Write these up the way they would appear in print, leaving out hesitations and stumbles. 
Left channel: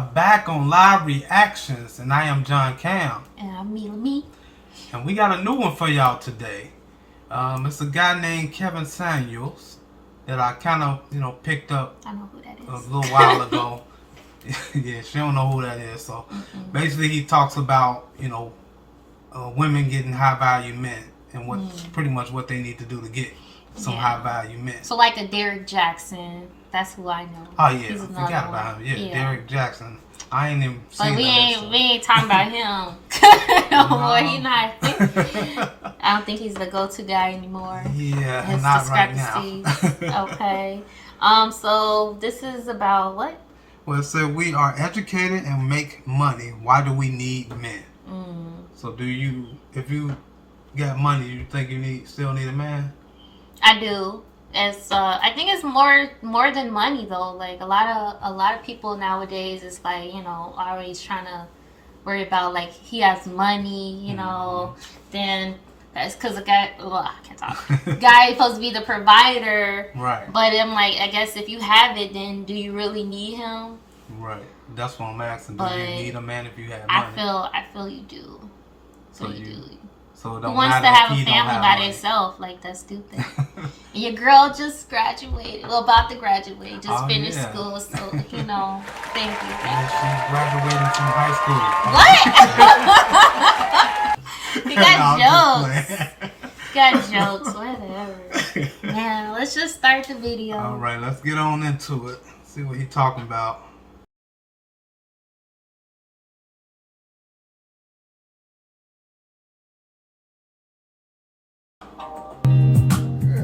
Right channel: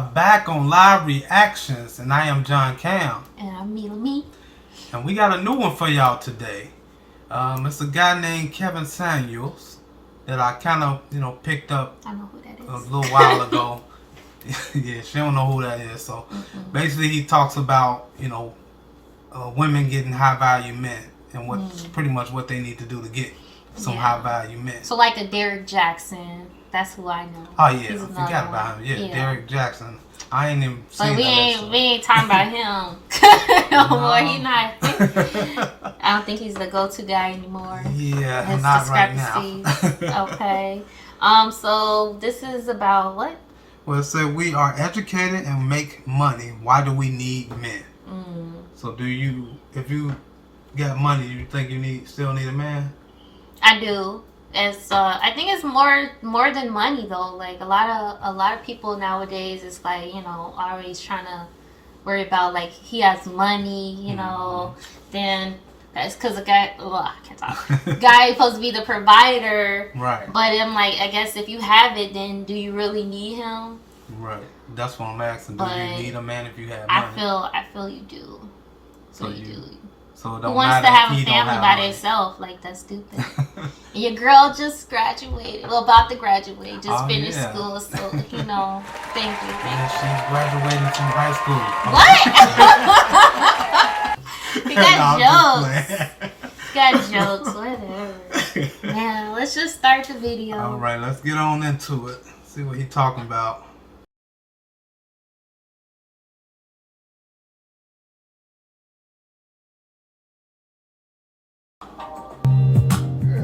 are back on live reactions, and I am John Cam. And I'm Mila Me. And we got a new one for y'all today. It's a guy named Kevin Samuels that I kind of, picked up I know who that is. a little while ago. Yeah, she don't know who that is. So basically, he talks about, women getting high value men and what's pretty much what they need to do to get some high value men. So like a Derek Jackson. That's who I know. Oh yeah, I forgot about him. Yeah, Derek Jackson. I ain't even seen that. We ain't talking about him. Boy, he not. I don't think he's the go-to guy anymore. Yeah, not right now. Okay. So this is about what? Well, it said we are educated and make money. Why do we need men? So if you got money, you think you still need a man? I do. It's I think it's more than money though. Like a lot of people nowadays is like, always trying to worry about like he has money, then that's because the guy I can't talk. Guy is supposed to be the provider. Right. But I'm like, I guess if you have it, then do you really need him? Right. That's what I'm asking. Do you need a man if you have money? I feel you do. So you do. So it Who don't wants matter to have if a he don't family have by money. themselves? Like, that's stupid. And your girl just graduated. Well, about to graduate. Just finished school. So, thank you. Yeah, she's graduating from high school. What? You got jokes. Whatever. Now, let's just start the video. All right, let's get on into it. See what he's talking about.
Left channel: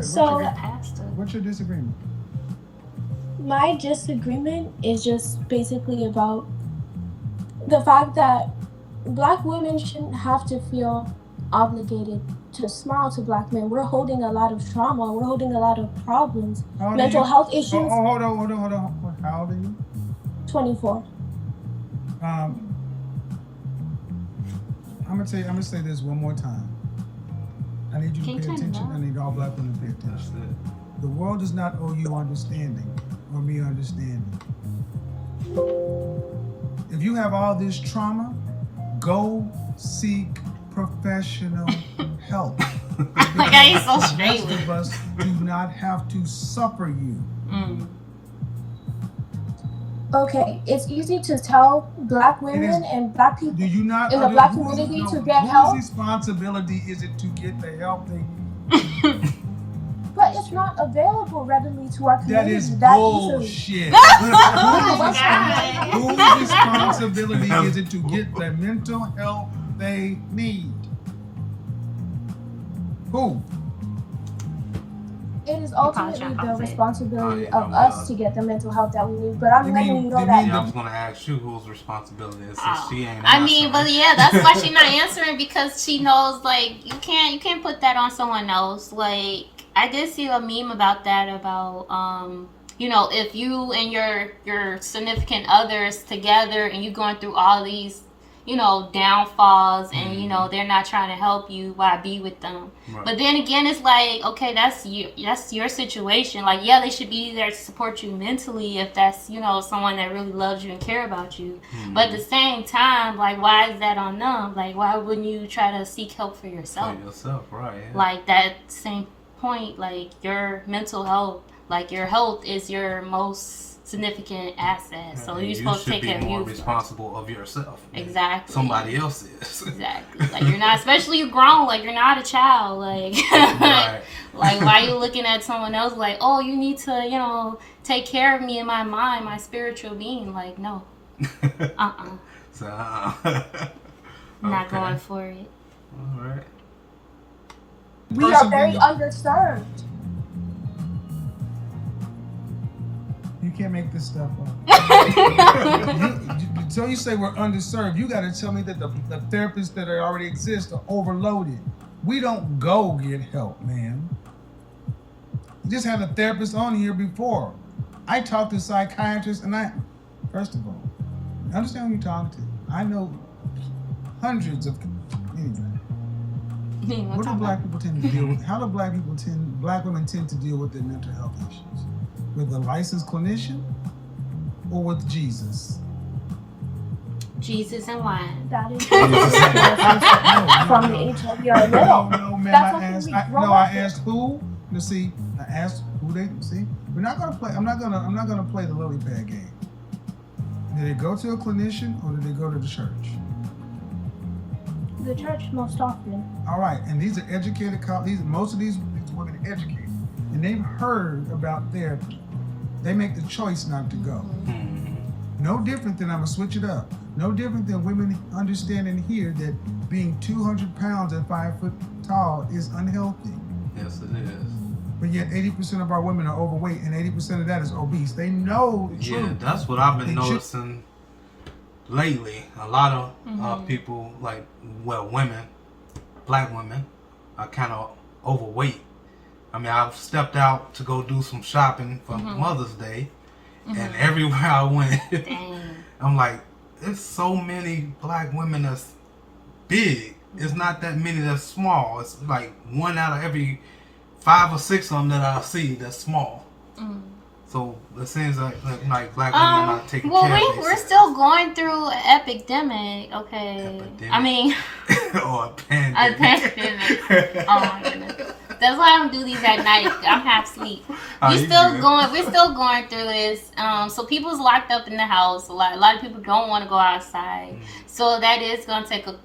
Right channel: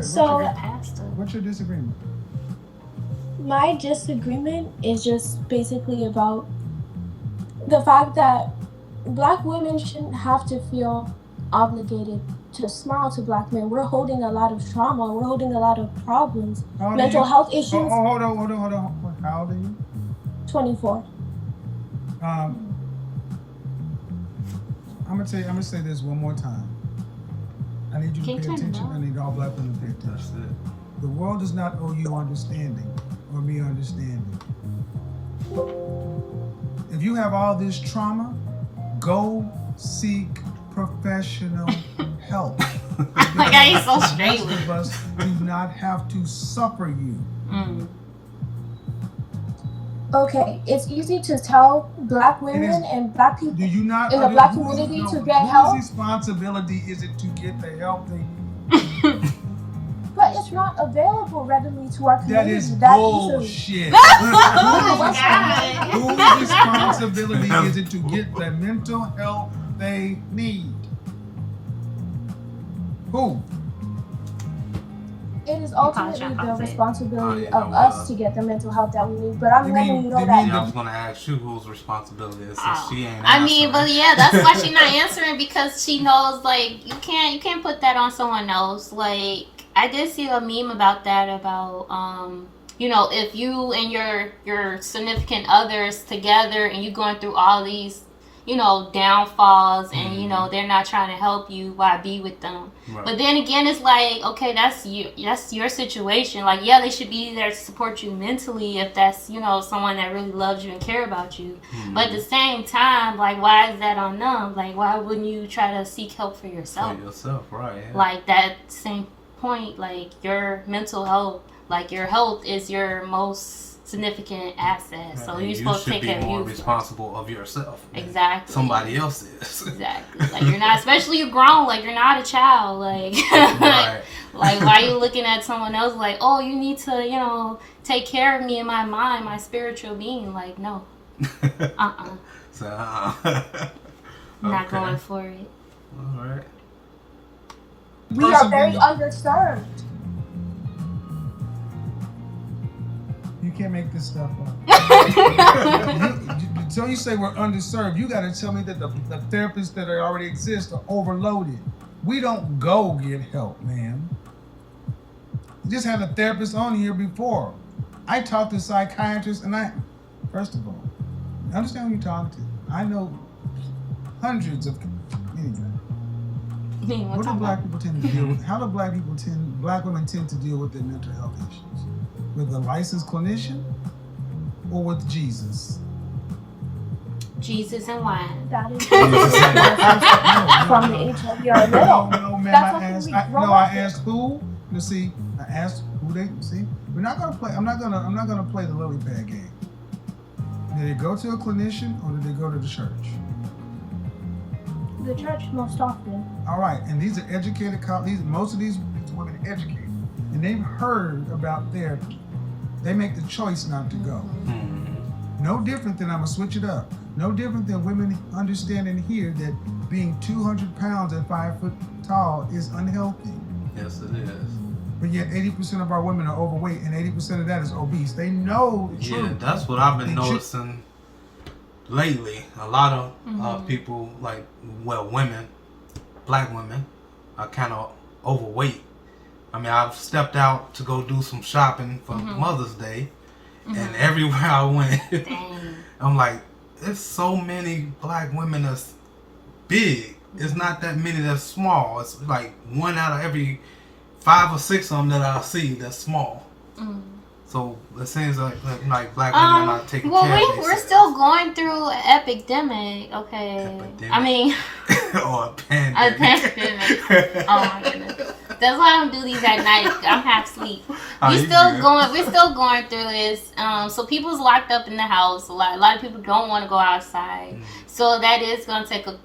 So, what's your disagreement? My disagreement is just basically about the fact that black women shouldn't have to feel obligated to smile to black men. We're holding a lot of trauma. We're holding a lot of problems. Mental health issues. Hold on. How old are you? 24. I'm gonna say this one more time. I need you to pay attention. I need all black women to pay attention. The world does not owe you understanding or me understanding. If you have all this trauma, go seek professional help. My God, he's so straight. Most of us do not have to suffer you. Okay, it's easy to tell black women and black people in the black community to get help. Whose responsibility is it to get the help they need? But it's not available readily to our community. That is bullshit. Whose responsibility is it to get the mental help they need? Who? It is ultimately the responsibility of us to get the mental health that we need. But I'm letting you know that. I was going to ask you whose responsibility it is since she ain't answering. I mean, but yeah, that's why she's not answering, because she knows like you can't put that on someone else. Like, I did see a meme about that, about if you and your significant others together and you going through all these downfalls and they're not trying to help you, why be with them? Right. But then again, it's like, okay, that's your situation. Like, yeah, they should be there to support you mentally if that's someone that really loves you and care about you. But at the same time, like, why is that on them? Like, why wouldn't you try to seek help for yourself? Right? Yeah. Like, that same point, like, your mental health, like, your health is your most significant asset, so you're supposed to take care of you. You should be more responsible of yourself. Exactly. Somebody else is. Exactly. Like, you're not, especially you're grown. Like, you're not a child. Like, right. Like, why are you looking at someone else like, oh, you need to, take care of me in my mind, my spiritual being? Like, no. So, I'm not going for it. All right. We are very underserved. You can't make this stuff up. So you say we're underserved. You got to tell me that the therapists that already exist are overloaded. We don't go get help, man. We just had a therapist on here before. I talked to psychiatrists, and first of all, understand who you're talking to. I know hundreds of, anyway. What do black people tend to deal with? How do black women tend to deal with their mental health issues? With a licensed clinician or with Jesus? Jesus and wine. That is from the age of your little. No, ma'am. That's I something asked. we grow I up with. asked who. You see, I asked who they see. We're not gonna play. I'm not gonna play the lily pad game. Did they go to a clinician or did they go to the church? The church most often. All right, and these are educated. Most of these women are educated, and they've heard about therapy. They make the choice not to go. No different than, I'm gonna switch it up. No different than women understanding here that being 200 pounds and 5 foot tall is unhealthy. Yes, it is. But yet 80% of our women are overweight and 80% of that is obese. They know the Yeah, truth. that's what I've been They noticing lately. A lot of people, like, well, women, black women, are kind of overweight. I mean, I've stepped out to go do some shopping for Mother's Day, and everywhere I went, Dang. I'm like, there's so many black women that's big. It's not that many that's small. It's like 1 out of every 5 or 6 of them that I see that's small. So it seems like black women are not taking care of themselves. We're still going through an epidemic, okay? Epidemic? I mean, or a pandemic. pandemic. Oh my goodness. That's why I don't do these at night. I'm half asleep. Oh, We're you still going through this. So people's locked up in the house. A lot of people don't want to go outside. So that is gonna take a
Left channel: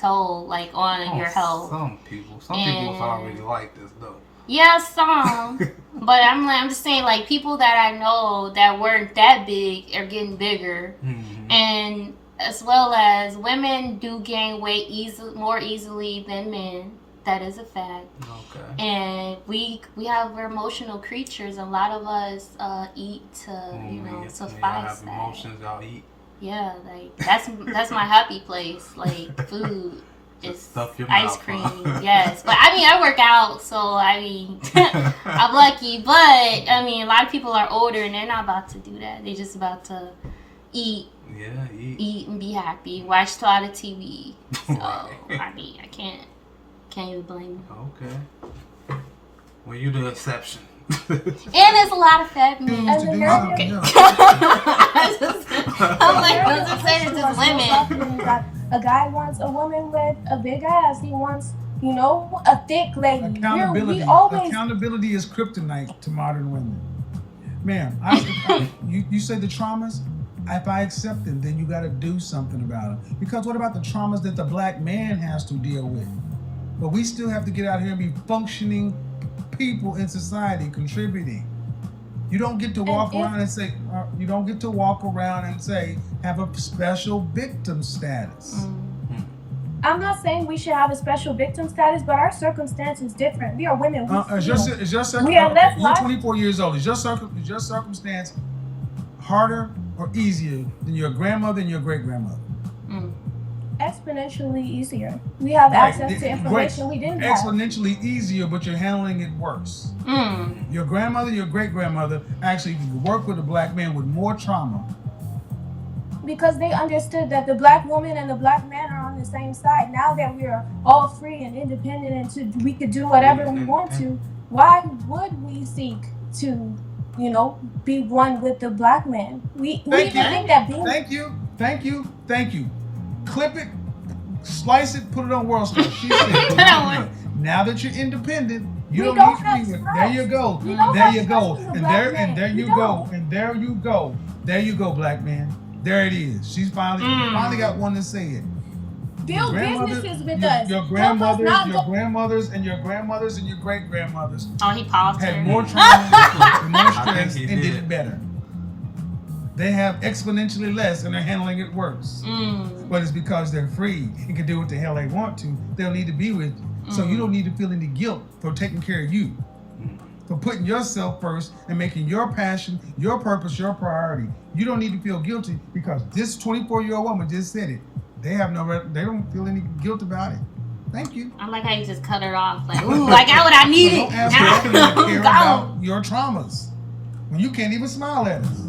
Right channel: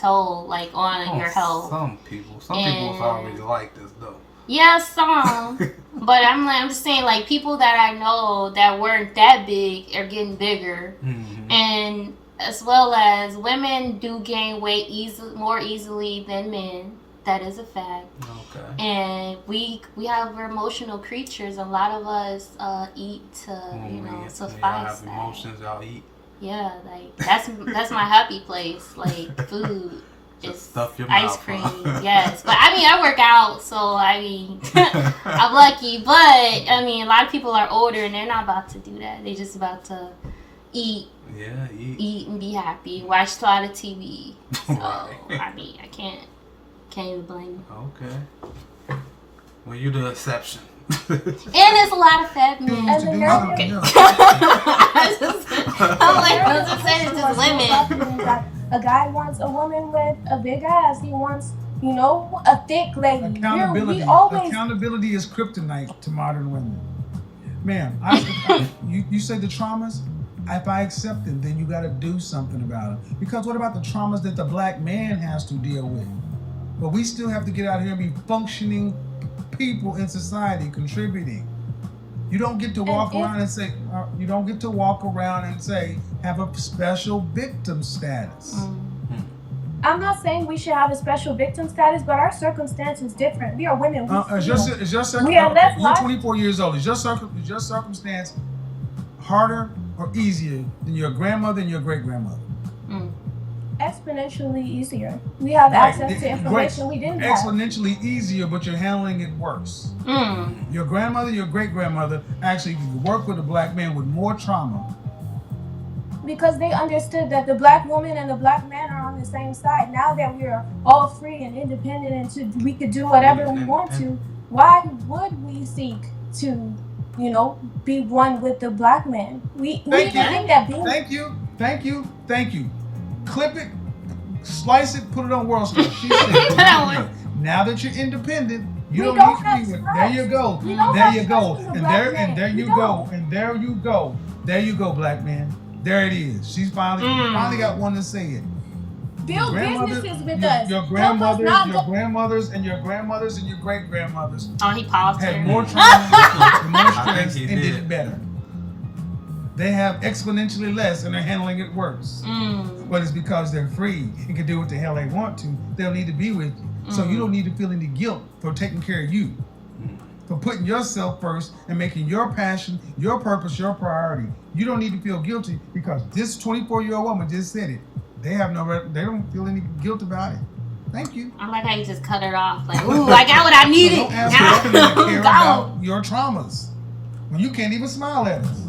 toll, like, on your health. Some people's already like this though. Yeah, some. But I'm just saying, like, people that I know that weren't that big are getting bigger, and as well as women do gain weight more easily than men. That is a fact. Okay. And we're emotional creatures. A lot of us eat to suffice y'all have that. emotions, y'all eat. Yeah, like that's my happy place. Like, food. Just It's stuff your ice mouth, cream, huh? yes. But I mean, I work out, so I mean, I'm lucky. But I mean, a lot of people are older and they're not about to do that. They're just about to eat, Yeah, eat and be happy, watch a lot of TV. So Right. I mean, I can't even blame them. Okay. Well, you're the exception. And there's a lot of fat men. And the narrative, I'm like, those are saying it's just women. that a guy wants a woman with a big ass. He wants, a thick lady. Accountability. We always Accountability is kryptonite to modern women. Ma'am, you say the traumas. If I accept them, then you got to do something about them. Because what about the traumas that the black man has to deal with? But we still have to get out here and be functioning people in society, contributing. You don't get to walk around and say, have a special victim status. I'm not saying we should have a special victim status, but our circumstance is different. We are women. We are less You're 24 years old. Is your circumstance harder or easier than your grandmother and your great grandmother? Exponentially easier. We have access to information we didn't have. Exponentially easier, but you're handling it worse. Your grandmother, your great grandmother actually could work with a black man with more trauma. Because they understood that the black woman and the black man are on the same side. Now that we are all free and independent and we could do whatever we want to, why would we seek to, be one with the black man? We think that being... Thank you. Clip it, slice it, put it on World Star. She said, now that you're independent, you don't need to be with. There you go. There you go. And there you go, black man. There it is. She's finally got one to say it. Build businesses with us. Your grandmothers and your great grandmothers Oh, he paused. had more trauma and more stress and did it better. They have exponentially less and they're handling it worse. But it's because they're free and can do what the hell they want to. They'll need to be with you. So you don't need to feel any guilt for taking care of you. For putting yourself first and making your passion, your purpose, your priority. You don't need to feel guilty because this 24-year-old woman just said it. They don't feel any guilt about it. Thank you. I like how you just cut it off. Like, ooh, I got what I needed. Don't ask for them to care about your traumas when you can't even smile at us.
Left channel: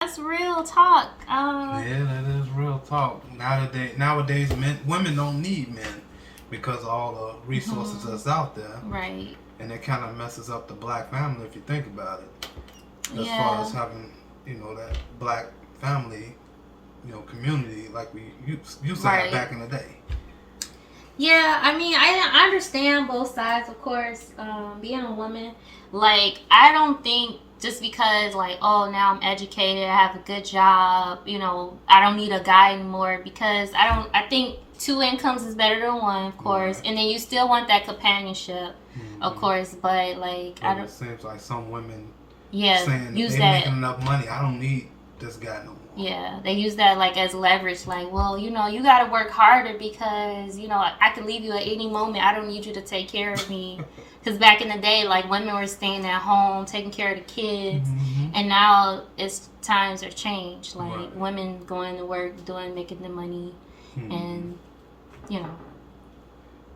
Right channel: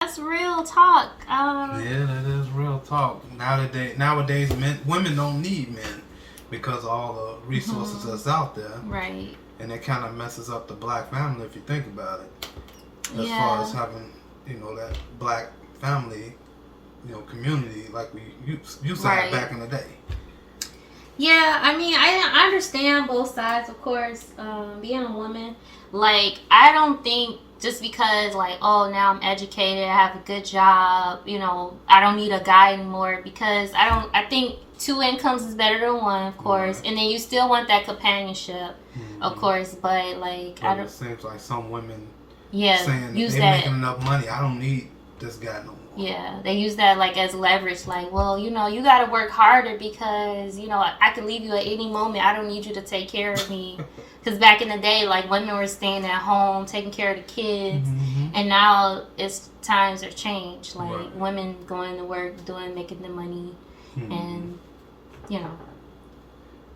That's real talk. Yeah, that is real talk. Nowadays, women don't need men because of all the resources that's out there. Right. And it kind of messes up the black family if you think about it. as Yeah. far as having, you know, that black family, you know, community like we used to Right. have back in the day. Yeah, I mean, I understand both sides, of course. Being a woman, like, I don't think just because, like, oh, now I'm educated, I have a good job, you know, I don't need a guy anymore, because I think 2 incomes is better than 1, of course, Right. and then you still want that companionship, of course, but, like, I But don't, it seems like some women yeah, saying use they're that. making enough money, I don't need this guy no more. Yeah, they use that like as leverage. Like, well, you know, you got to work harder because, you know, I could leave you at any moment. I don't need you to take care of me. Because back in the day, like, women were staying at home, taking care of the kids. Mhm. And now times have changed. Like, Right. women going to work, making the money. Mhm. And, you know.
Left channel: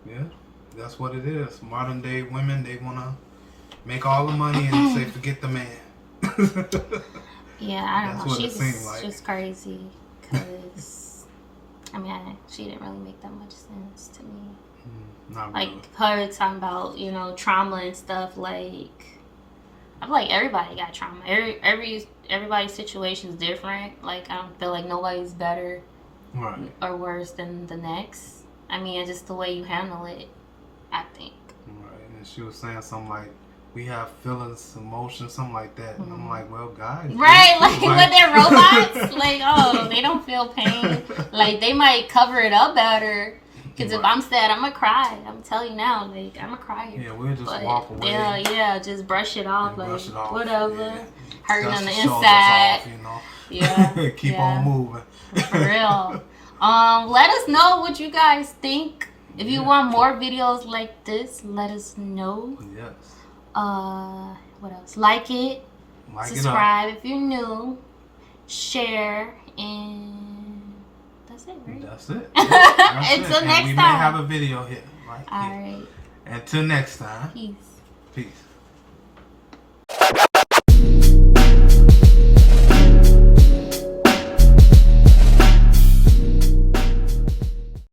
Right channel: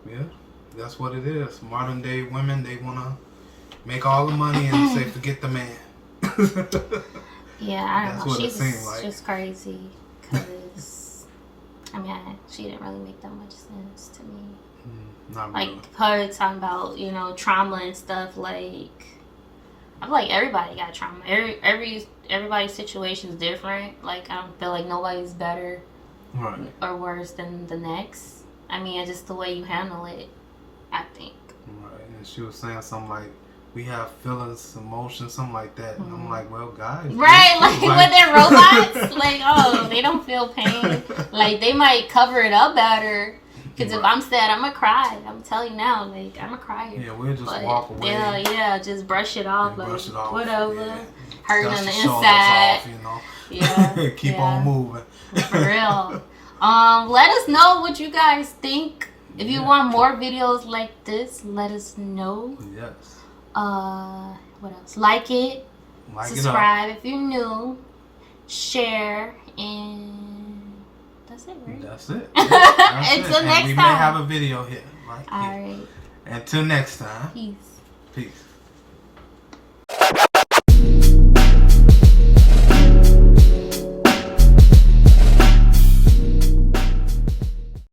Yeah, that's what it is. Modern day women, they want to make all the money and say, forget the man. Yeah, I don't That's know. what it She's seemed like. just crazy. Because, I mean, she didn't really make that much sense to me. Not Like, really. her talking about, you know, trauma and stuff, like, I feel like everybody got trauma. Everybody's situation is different. Like, I don't feel like nobody's better Right. or worse than the next. I mean, it's just the way you handle it, I think. Right. And she was saying something like, we have feelings, emotions, something like that. And I'm like, well, guys. do Right, too, like, when they're robots, like, oh, they don't feel pain. Like, they might cover it up better. Because if Right. I'm sad, I'm going to cry. I'm telling you now, like, I'm a crier. Yeah, we'll just But, walk away. Yeah, just brush it off, and like, brush it off. whatever. Yeah. Hurting Dust on the shoulders inside. off, you know. Yeah, Keep yeah. on moving. For real. Let us know what you guys think. If you Yeah. want more videos like this, let us know. Yes. What else? Like it, Like it up. subscribe if you're new, share, and that's it, right? That's it. Yeah, that's Until it. next and we time. may have a video here. Right here. All right. Until next time. Peace. Peace.